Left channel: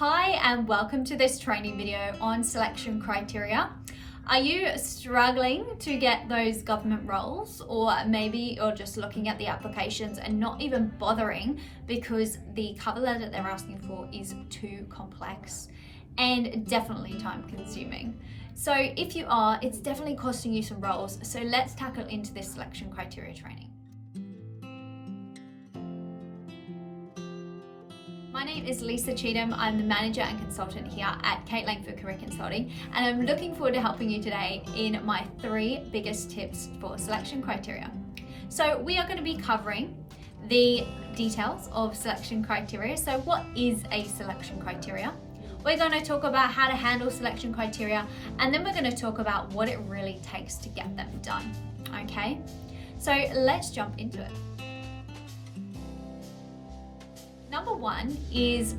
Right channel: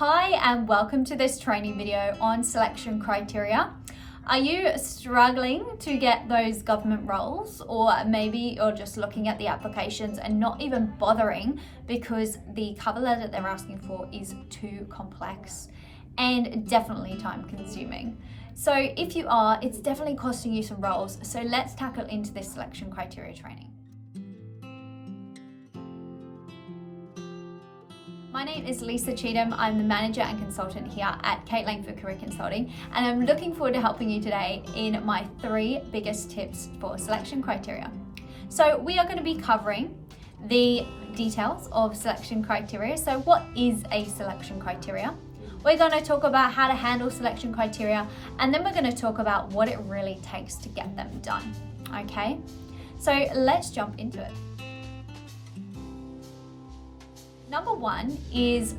Hi and welcome to this training video on selection criteria. Are you struggling to get those government roles, or maybe you're just looking at the applications and not even bothering because the cover letter they're asking for is too complex and definitely time consuming? So if you are, it's definitely costing you some roles. So let's tackle into this selection criteria training. My name is Lisa Cheatham. I'm the manager and consultant here at Kate Langford Career Consulting, and I'm looking forward to helping you today in my 3 biggest tips for selection criteria. So we are going to be covering the details of selection criteria. So what is a selection criteria? We're going to talk about how to handle selection criteria, and then we're going to talk about what it really takes to get them done. Okay, so let's jump into it. Number 1 is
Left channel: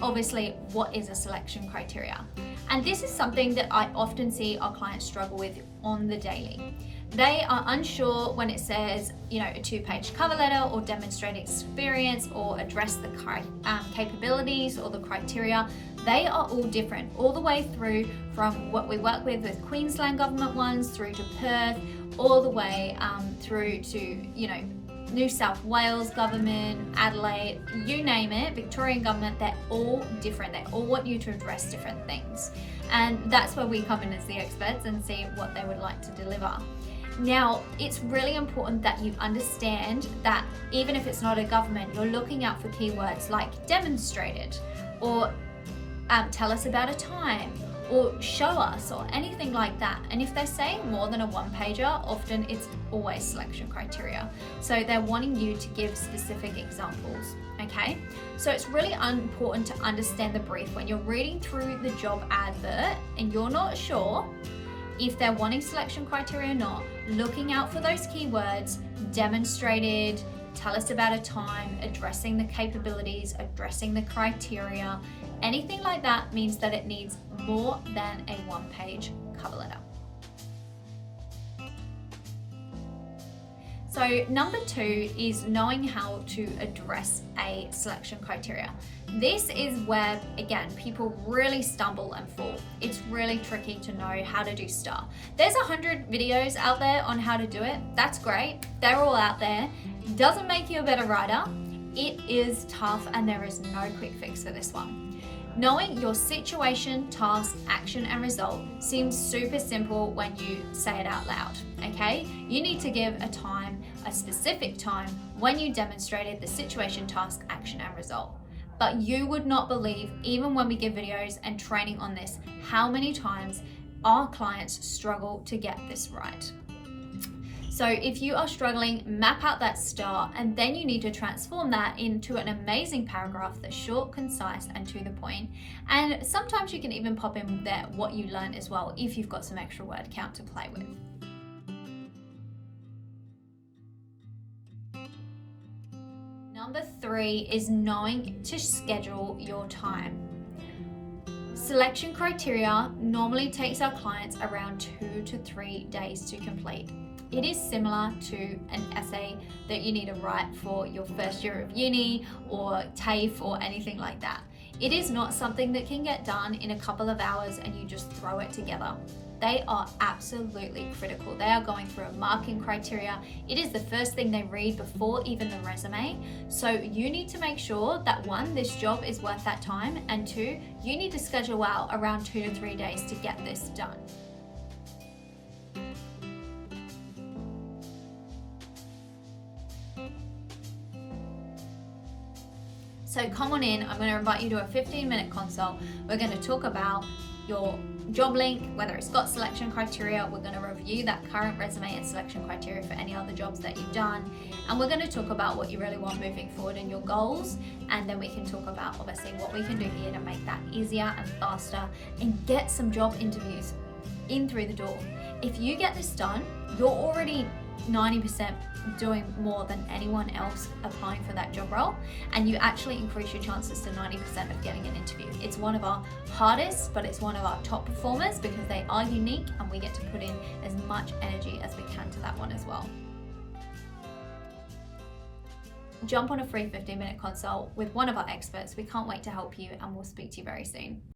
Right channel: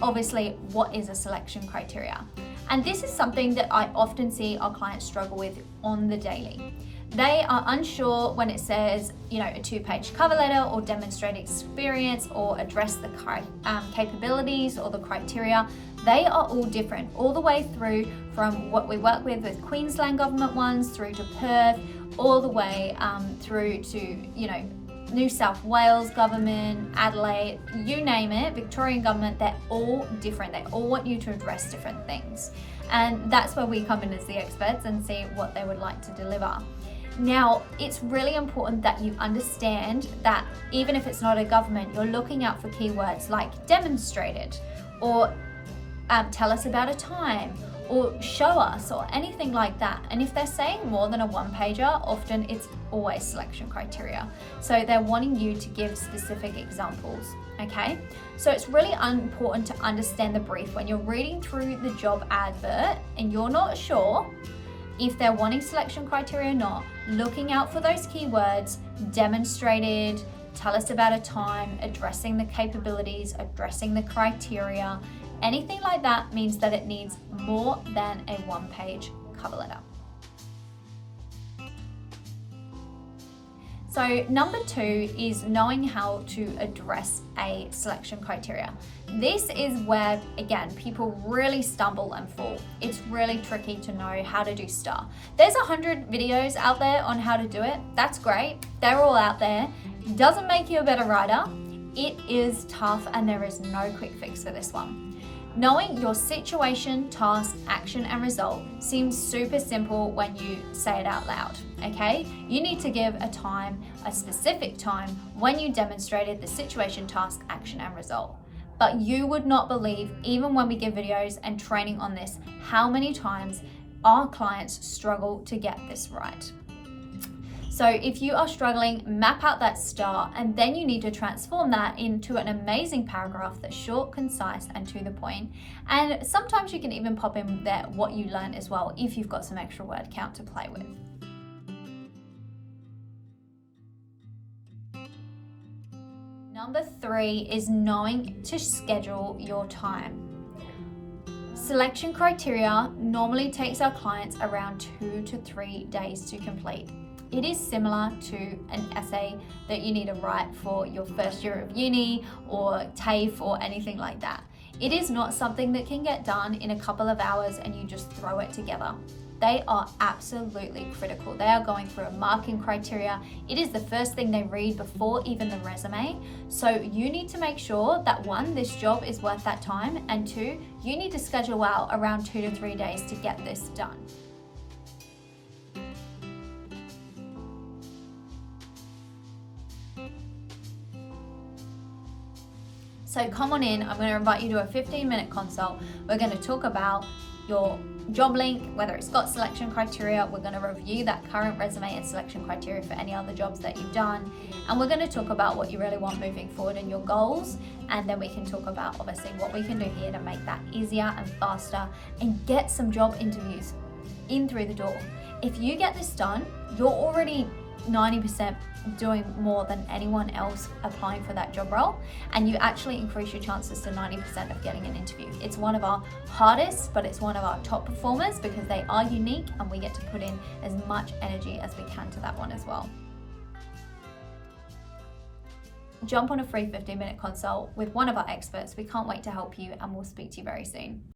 obviously what is a selection criteria. And this is something that I often see our clients struggle with on the daily. They are unsure when it says, a 2-page cover letter or demonstrate experience or address the capabilities or the criteria. They are all different, all the way through from what we work with Queensland government ones through to Perth, all the way through to, New South Wales government, Adelaide, you name it, Victorian government, they're all different. They all want you to address different things. And that's where we come in as the experts and see what they would like to deliver. Now, it's really important that you understand that even if it's not a government, you're looking out for keywords like demonstrated, or tell us about a time, or show us, or anything like that. And if they're saying more than a 1-pager, often it's always selection criteria. So they're wanting you to give specific examples, okay? So it's really important to understand the brief when you're reading through the job advert and you're not sure if they're wanting selection criteria or not. Looking out for those keywords, demonstrated, tell us about a time, addressing the capabilities, addressing the criteria. Anything like that means that it needs more than a 1-page cover letter. So number 2 is knowing how to address a selection criteria. This is where, again, people really stumble and fall. It's really tricky to know how to do STAR. There's 100 videos out there on how to do it. That's great. They're all out there. Doesn't make you a better writer. It is tough, and there is no quick fix for this one. Knowing your situation, task, action, and result seems super simple when you say it out loud, okay? You need to give a time, a specific time, when you demonstrated the situation, task, action, and result. But you would not believe, even when we give videos and training on this, how many times our clients struggle to get this right. So if you are struggling, map out that STAR, and then you need to transform that into an amazing paragraph that's short, concise, and to the point. And sometimes you can even pop in there what you learned as well, if you've got some extra word count to play with. Number 3 is knowing to schedule your time. Selection criteria normally takes our clients around 2 to 3 days to complete. It is similar to an essay that you need to write for your first year of uni or TAFE or anything like that. It is not something that can get done in a couple of hours and you just throw it together. They are absolutely critical. They are going through a marking criteria. It is the first thing they read before even the resume. So you need to make sure that 1, this job is worth that time, and 2, you need to schedule out around 2 to 3 days to get this done. So come on in, I'm going to invite you to a 15-minute consult. We're going to talk about your job link, whether it's got selection criteria. We're going to review that current resume and selection criteria for any other jobs that you've done. And we're going to talk about what you really want moving forward and your goals. And then we can talk about obviously what we can do here to make that easier and faster and get some job interviews in through the door. If you get this done, you're already 90% doing more than anyone else applying for that job role, and you actually increase your chances to 90% of getting an interview. It's one of our hardest, but it's one of our top performers because they are unique and we get to put in as much energy as we can to that one as well. jump on a free 15-minute consult with one of our experts. We can't wait to help you, and we'll speak to you very soon.